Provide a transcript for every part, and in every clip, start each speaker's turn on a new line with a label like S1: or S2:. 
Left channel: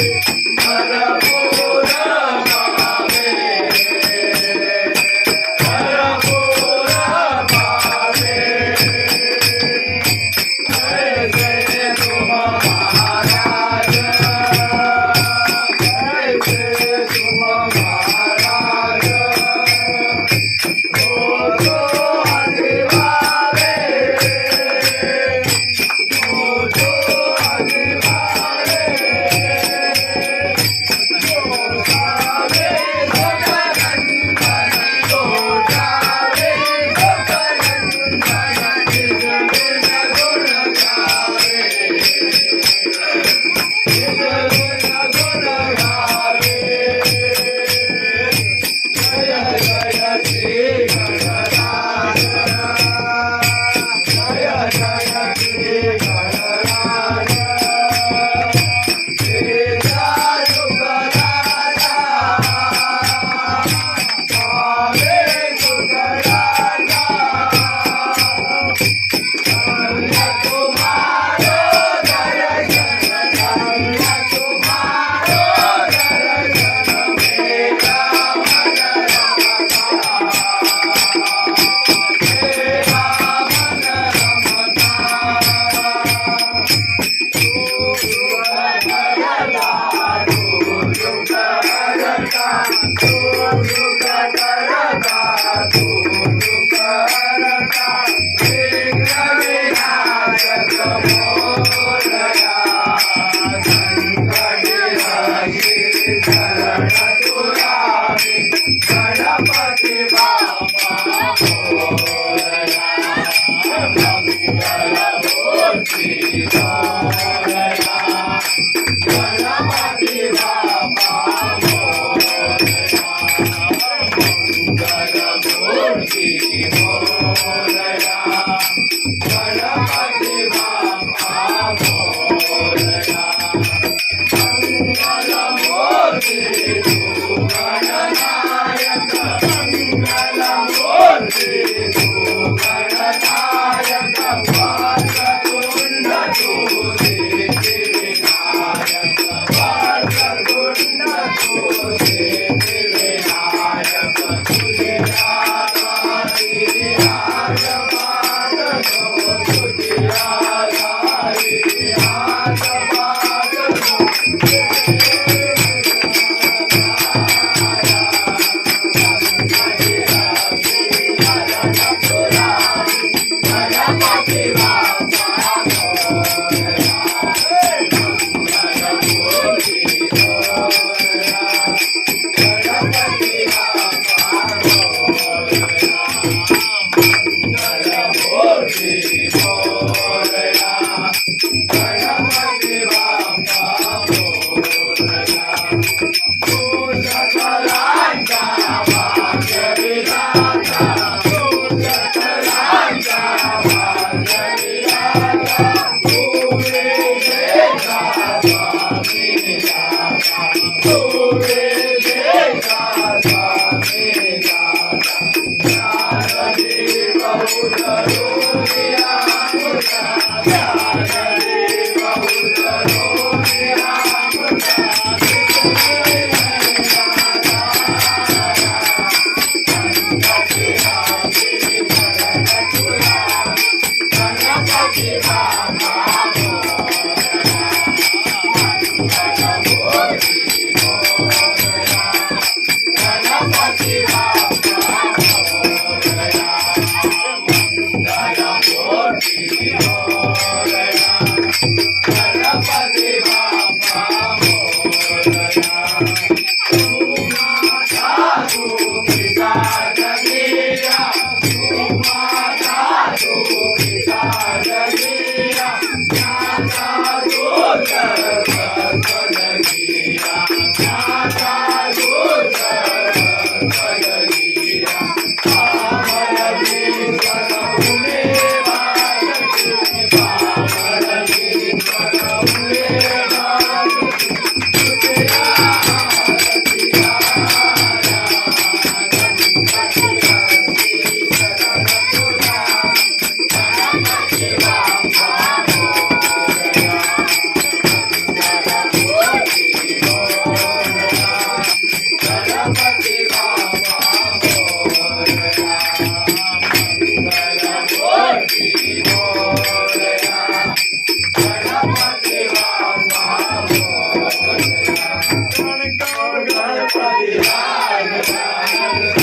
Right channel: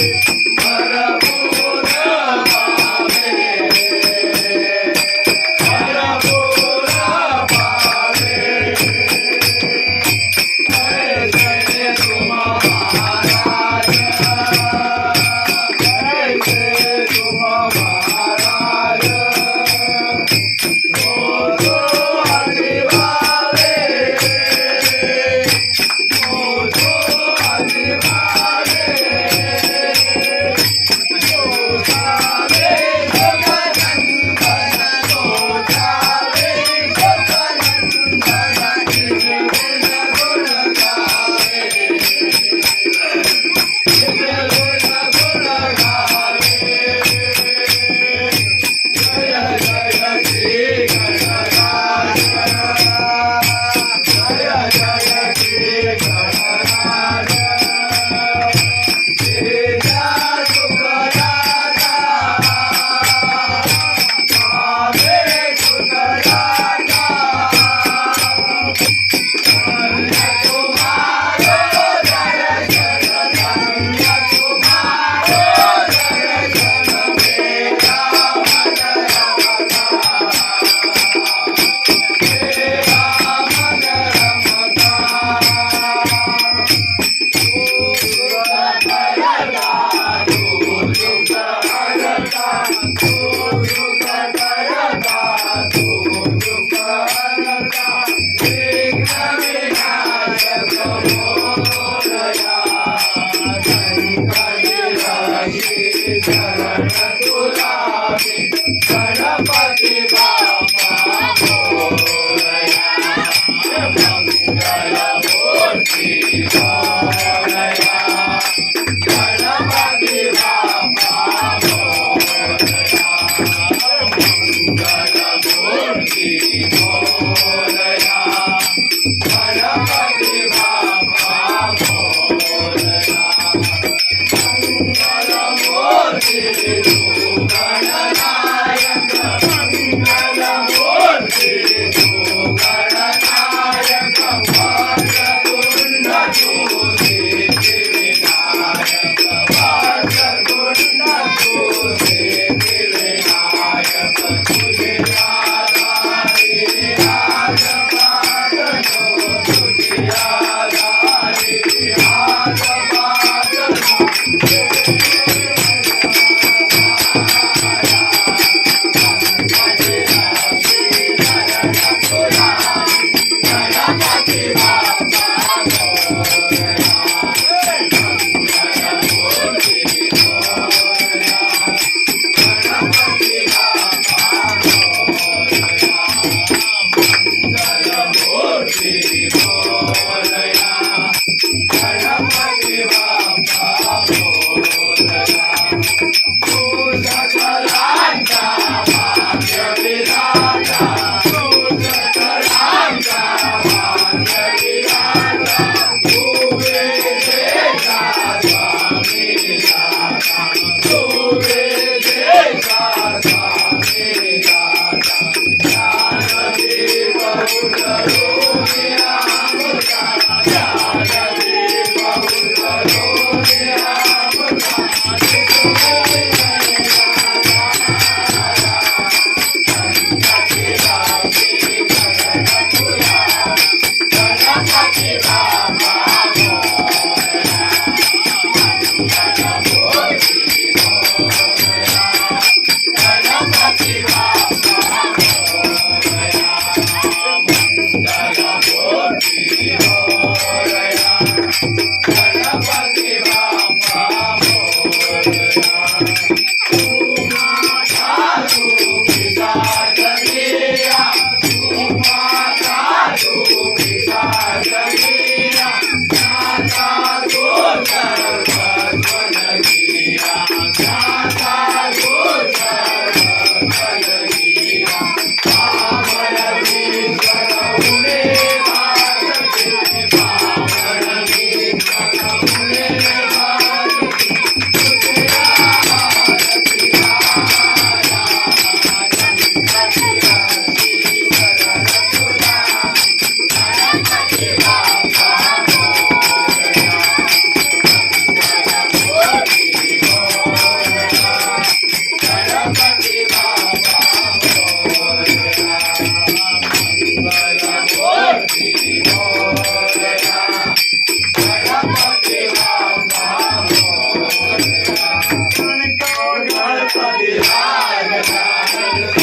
S1: Hey! Bye. Yeah. Happy Hanukkah.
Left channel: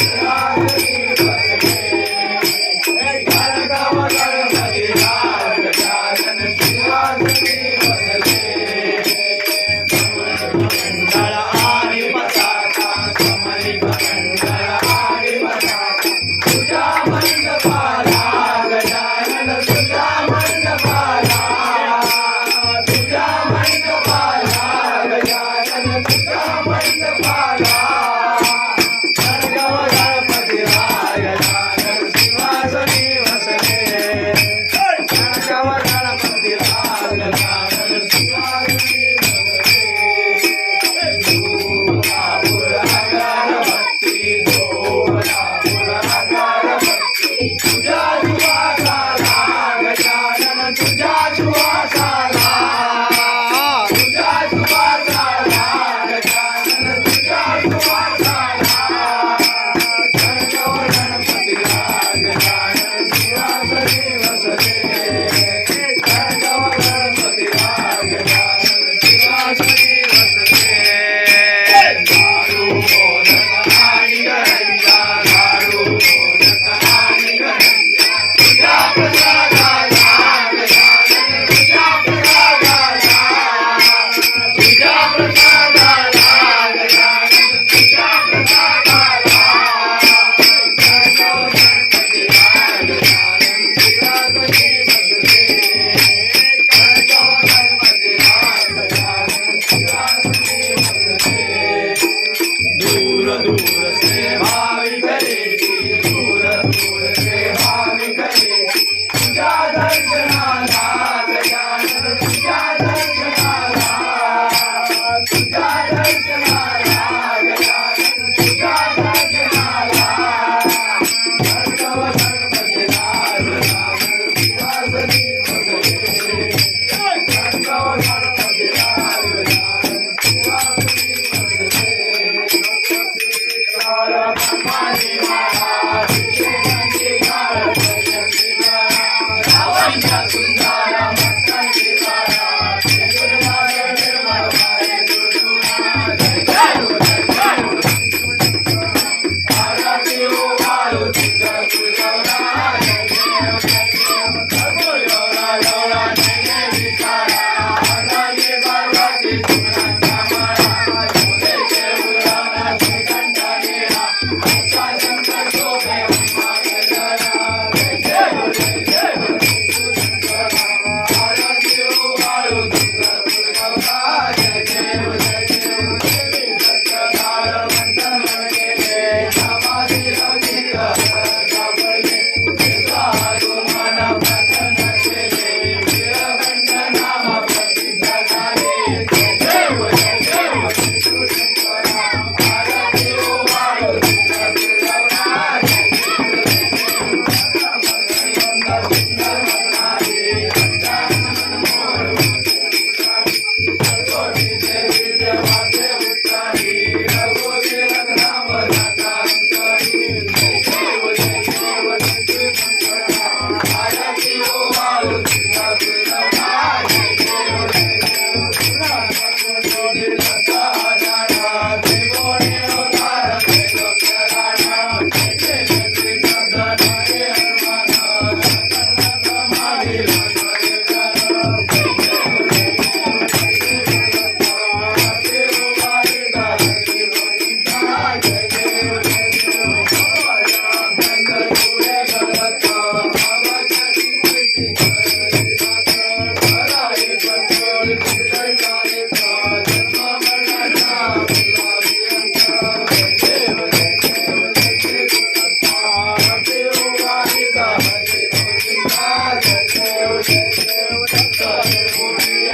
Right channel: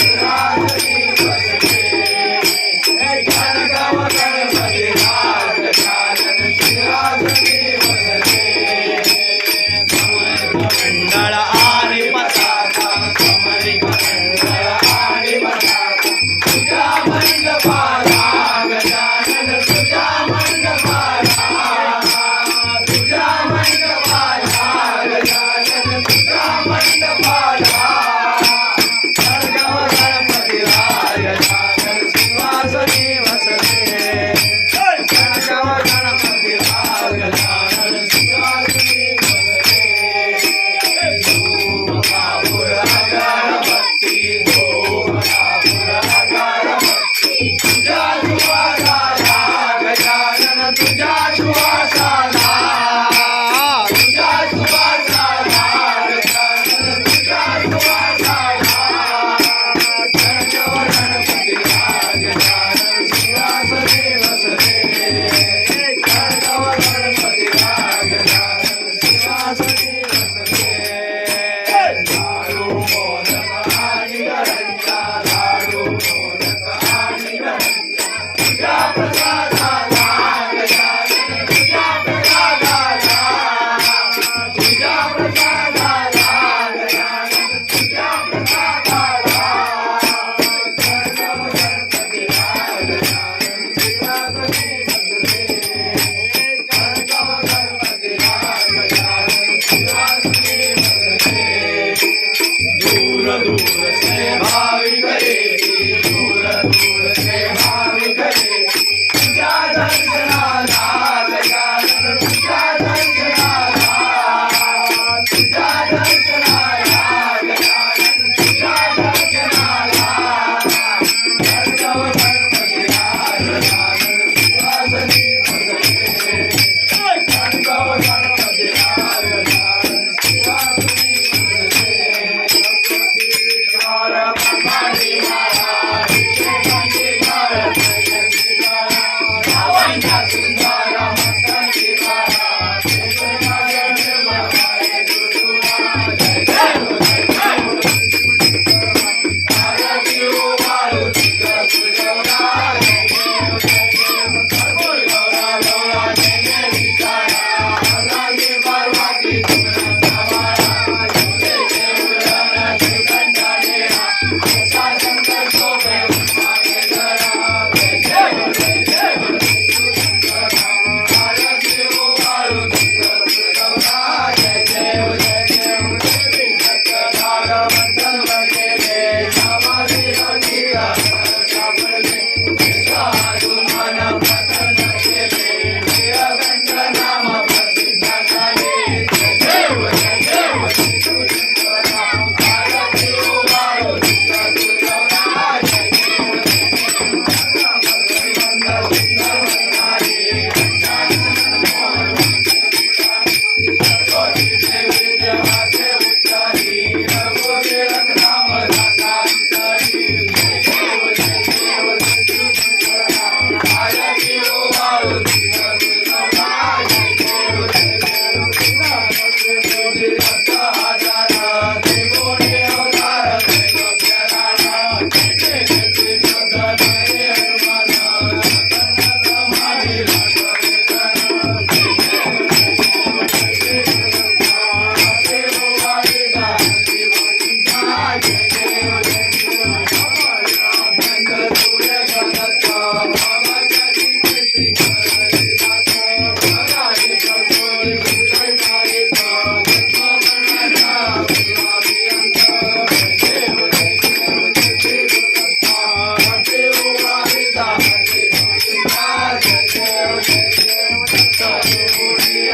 S1: Joshua. दूर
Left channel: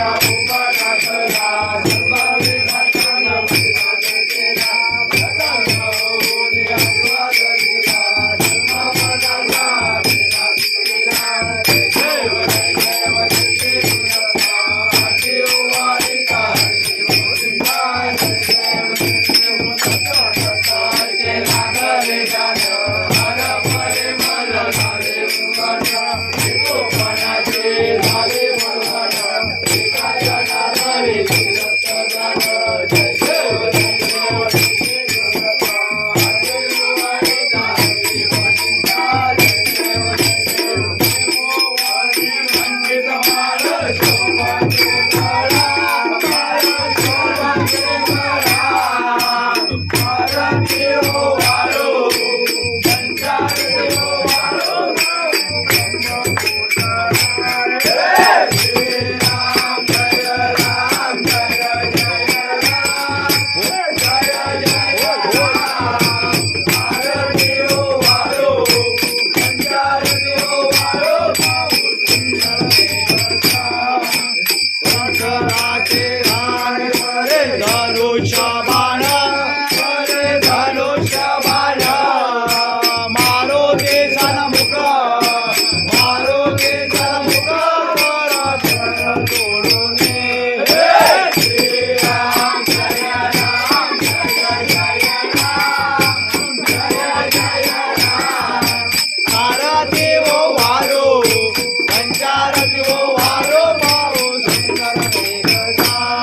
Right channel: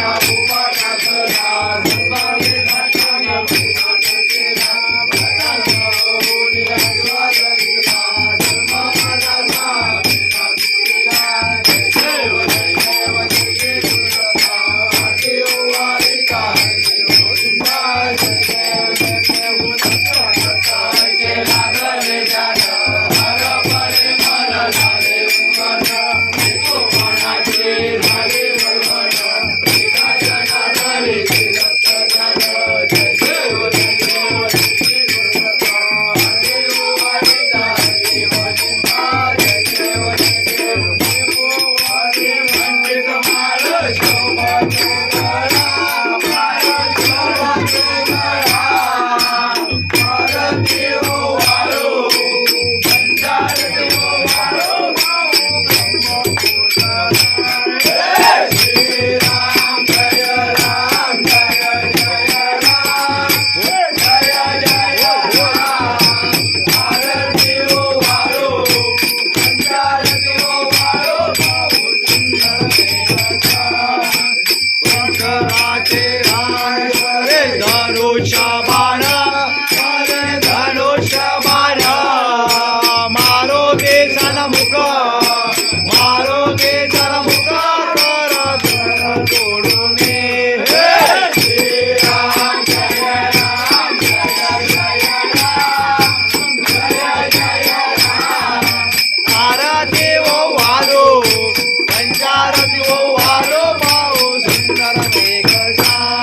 S1: Maria, Bye.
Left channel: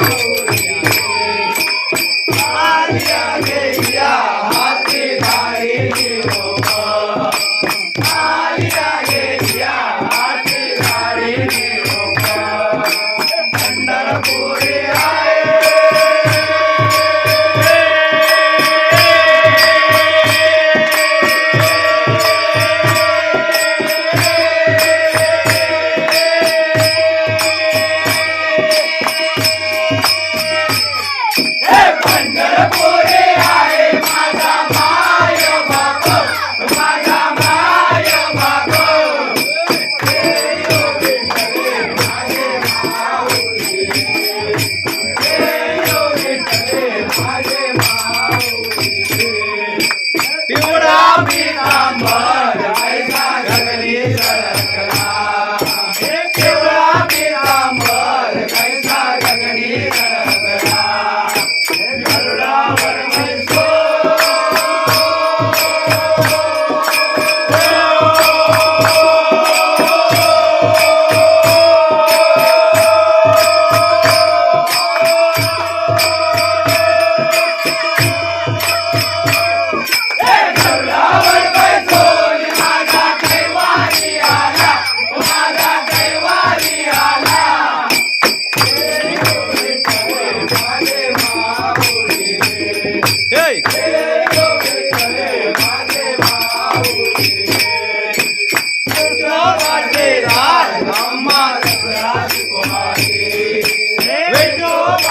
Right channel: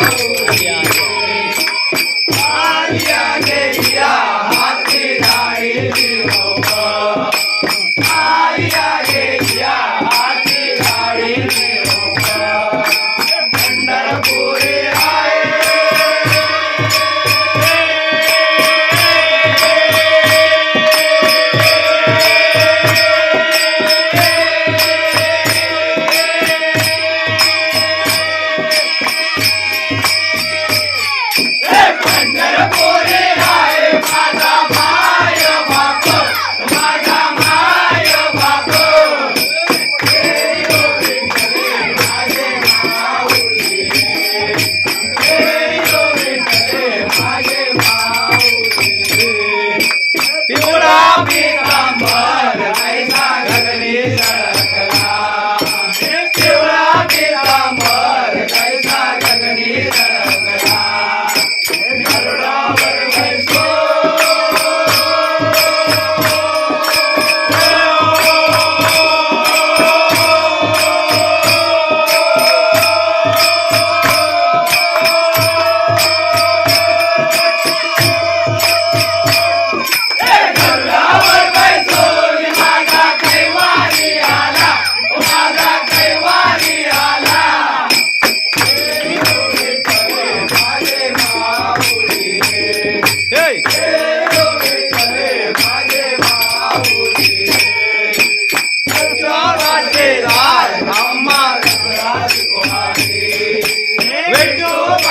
S2: Tchau.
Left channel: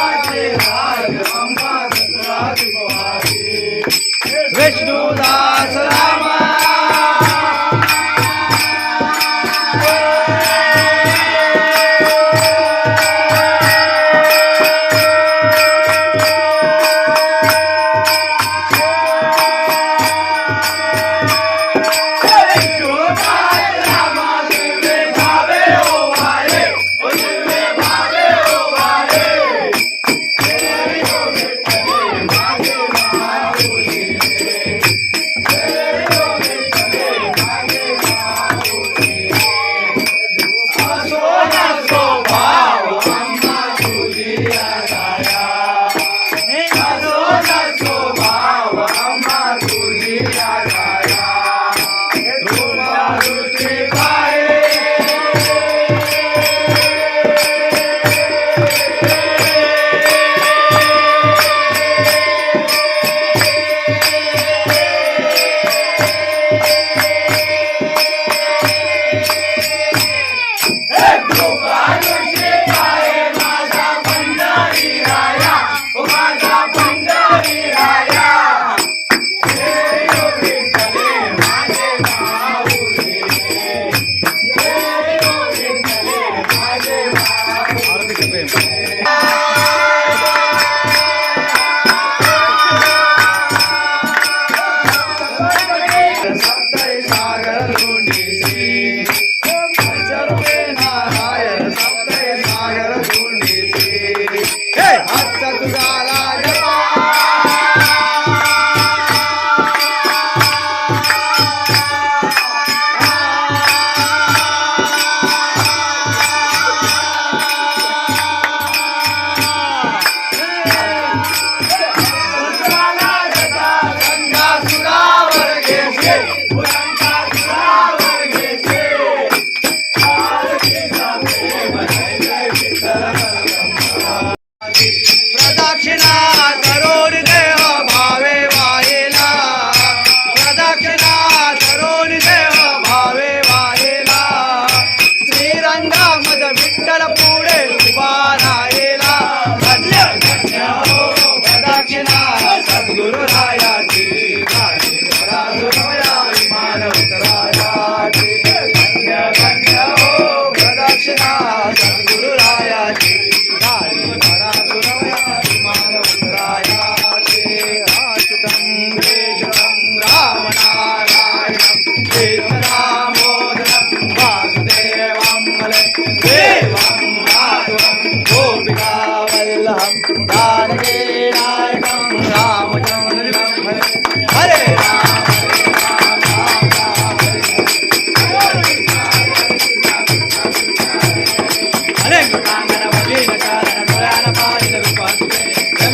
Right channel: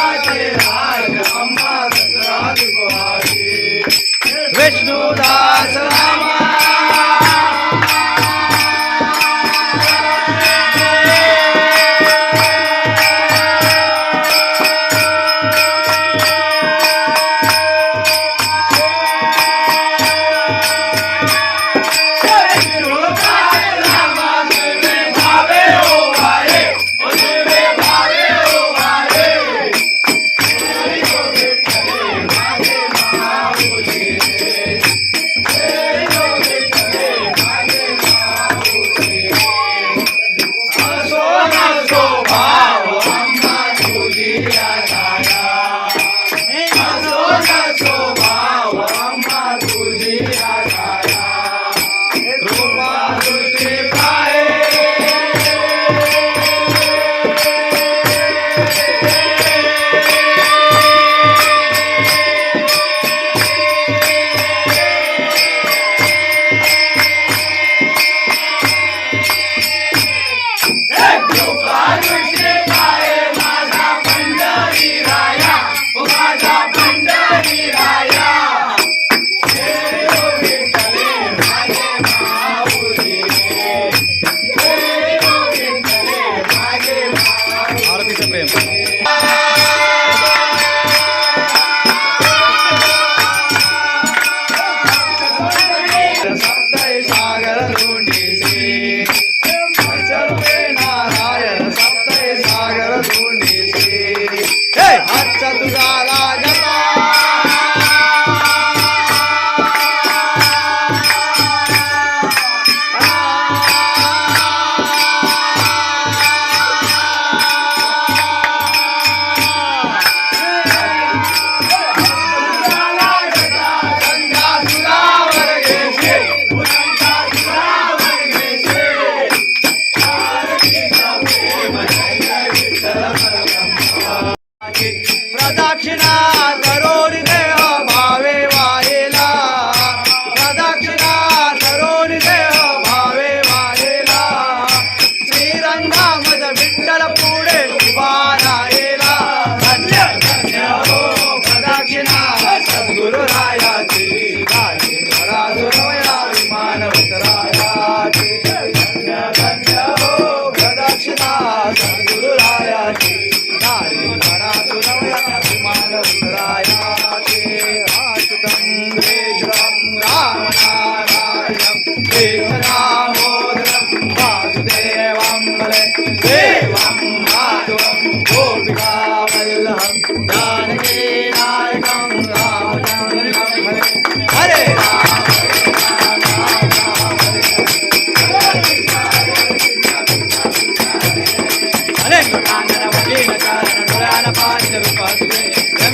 S1: विठोबाचे राज अम्मा Good.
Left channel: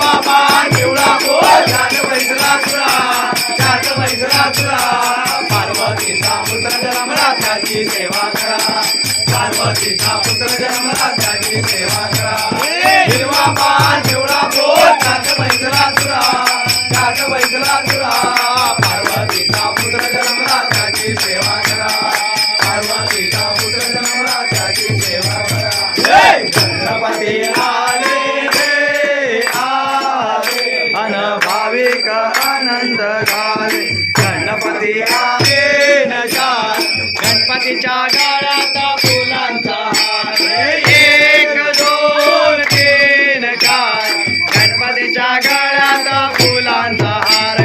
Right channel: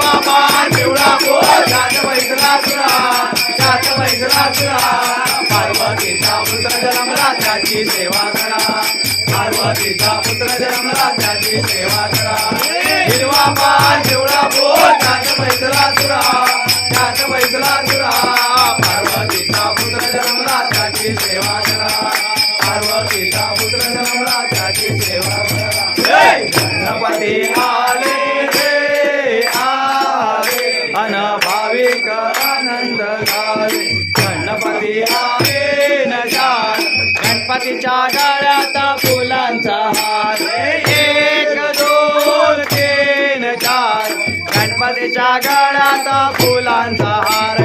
S1: हिरवा पान पिवळा कोर जात बैसला तुला जात बैसला तुला पार्वतीचा पुत्र जन्मला त्याची सेवा करा. पार्वतीचा पुत्र जन्मला त्याची सेवा करा. हिरवा पान पिवळा कोर जात बैसला तुला जात बैसला तुला पार्वतीचा पुत्र जन्मला त्याची सेवा करा. पार्वतीचा पुत्र जन्मला त्याची सेवा करा. गणपती आले गणपती आले न जात. गणपतीच्या गळ्यात फुलांचा हार. एक दोन तीन चार. गणपतीच्या गळ्यात फुलांचा हार.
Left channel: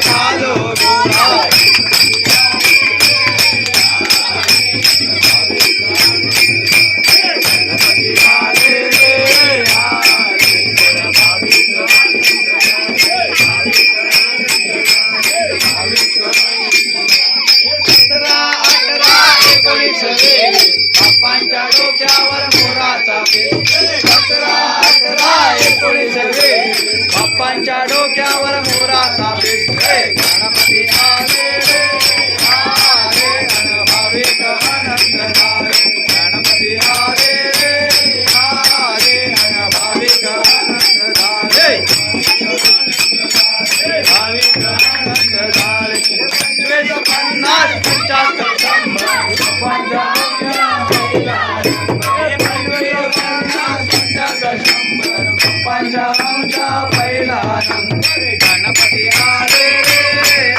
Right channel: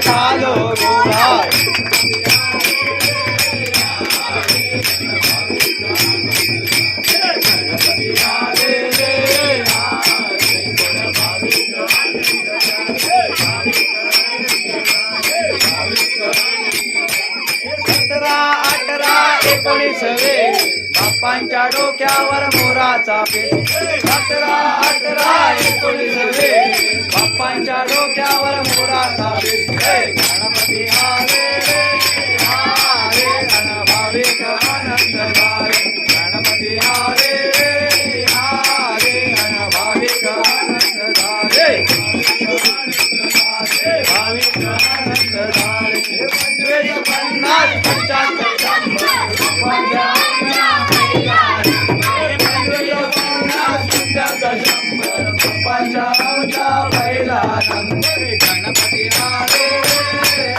S1: झालो सतरा अठरा एकोणीस रे. बाप्पांच्या डोक्यावर मोराचा पेच डोक्यावर मोराचा पेच रे गणपती आले रे. आले अन भाविक आनंद झाले गणपती आले रे. आले अन भाविक भाविक आनंद पंचवीस पन्नास पंचाहत्तर शंभर. पंचावनचा गणपती आले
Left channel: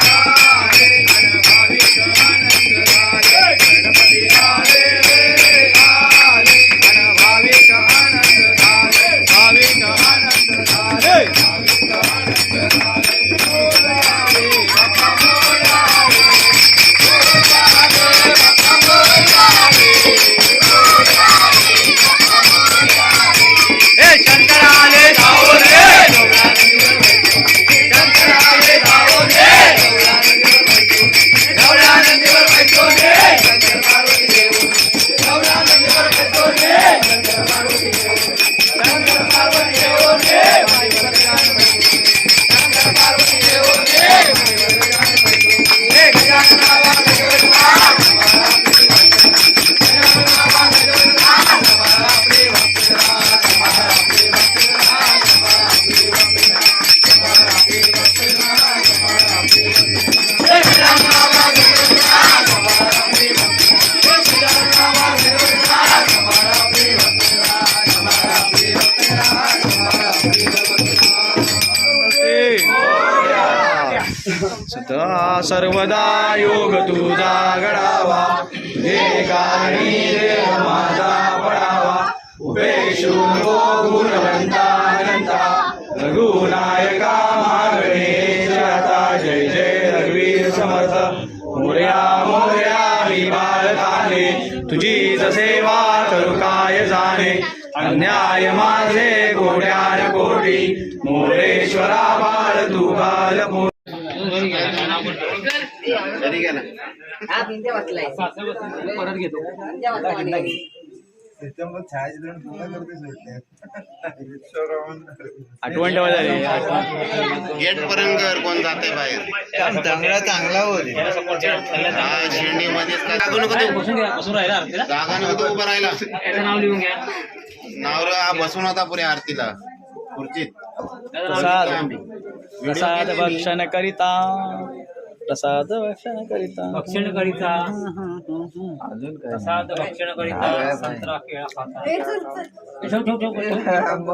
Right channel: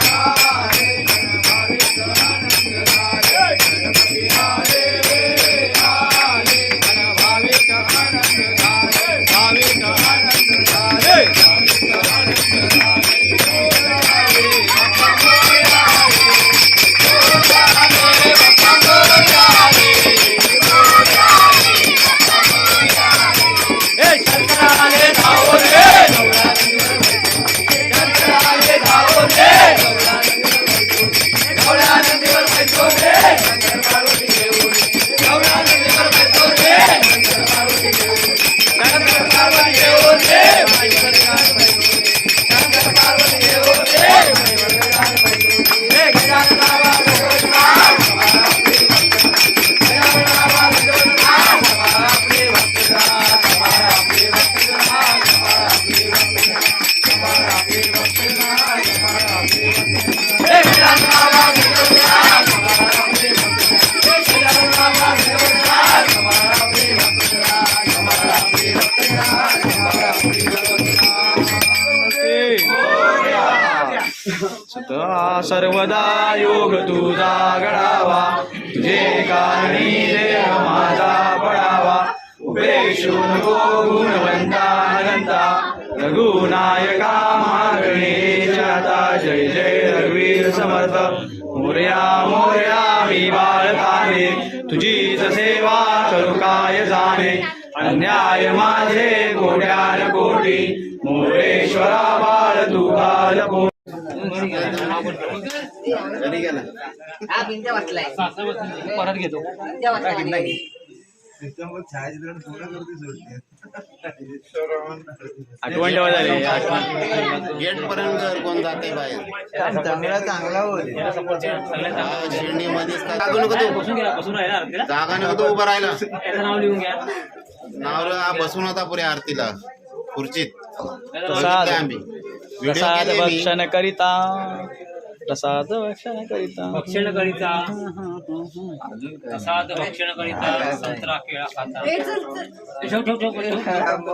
S1: सदा सर्वदा योग तुझा घडावा जे कारणी देह माझा पडावा उपेक्षु गो गुणवंता अनंता रघुनायका मागणे। आता जय जय रघुवीर समर्थ. मोरया मोरया मी बाळकाने तुझीच सेवा करू काय जाणे? अन्याय माझे कोट्यान कोटी मोरेश्वरा बाळ तू घाल
S3: हा
S1: आठवण ठेवा झाली आठवण.
S4: गेट पर्यंत कोण जाते बाहेर?
S2: चांगला चांगला
S4: हा शिर्डी मध्येच जागा नको जागा उभं राहिला
S3: नाव लिहून घ्या.
S4: नावर हा बसून होता पुऱ्या आरतीला. खुर्चीत.
S1: प्रसाद. प्रसाद. भक्षण करिता. प्रसाद भक्षण करिता।
S3: भक्षण करिता। प्रसाद भक्षण करिता संत्रा केळा खाता। ठेव ठेव ठेव ठेव.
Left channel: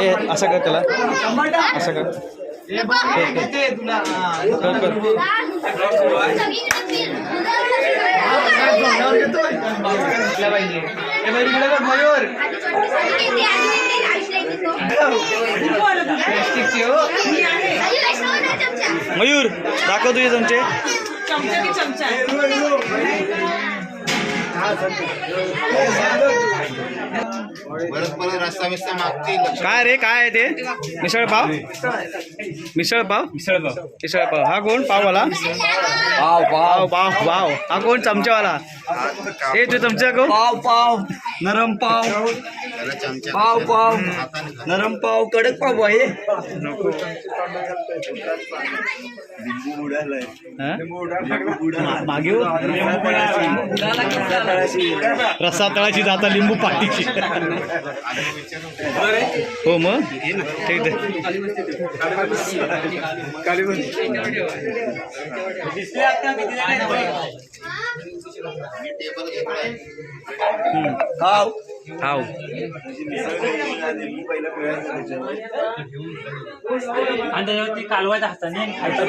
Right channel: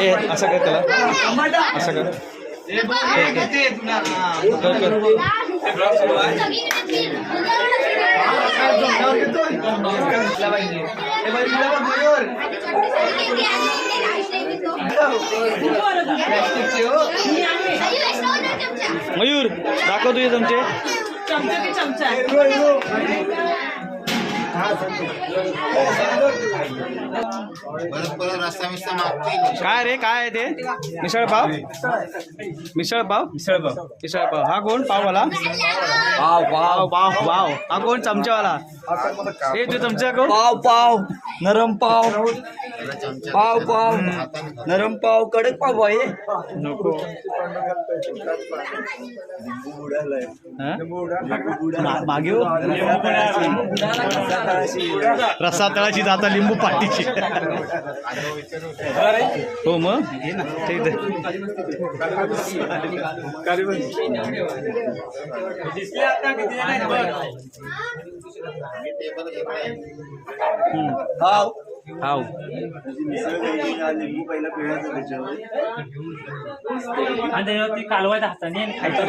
S1: ए असं कर त्याला. असं कर. कर कर. मयूर दाखव तुझे चमचे.
S4: चमचा परत परत रस्ता बिस्ता मागतील.
S1: काय रे काय आहे ते? मिसळ पाव? मिसळ पाव? मिसळ पाव. मिसळ पाव. हा कोण? पाववाला? पाव पाव. पाव पाव हा कोण? चमच्यावाला. ए तू चमचा कोण
S2: पाव पाव. नरम पाव. पाव पाव. नरम पाव. कडक पाव आहे
S1: मागे हो. रस्सा तळाची जाता लिंबू पाटीची हो मग? ठीक आहे. हाव.
S3: आणि त्याच्यावरती कालवायचा हाताने आणि खायचं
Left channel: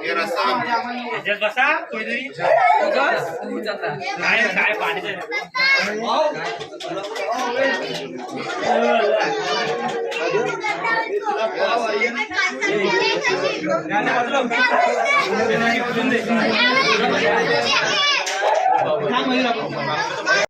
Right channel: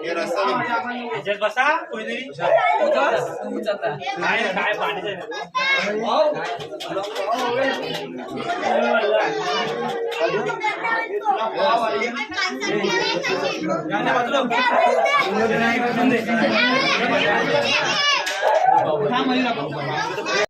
S3: ह्याच्यात बसा कोणीतरी काय काय पाण्याचं
S5: Yeah. 他们要。个鬼吗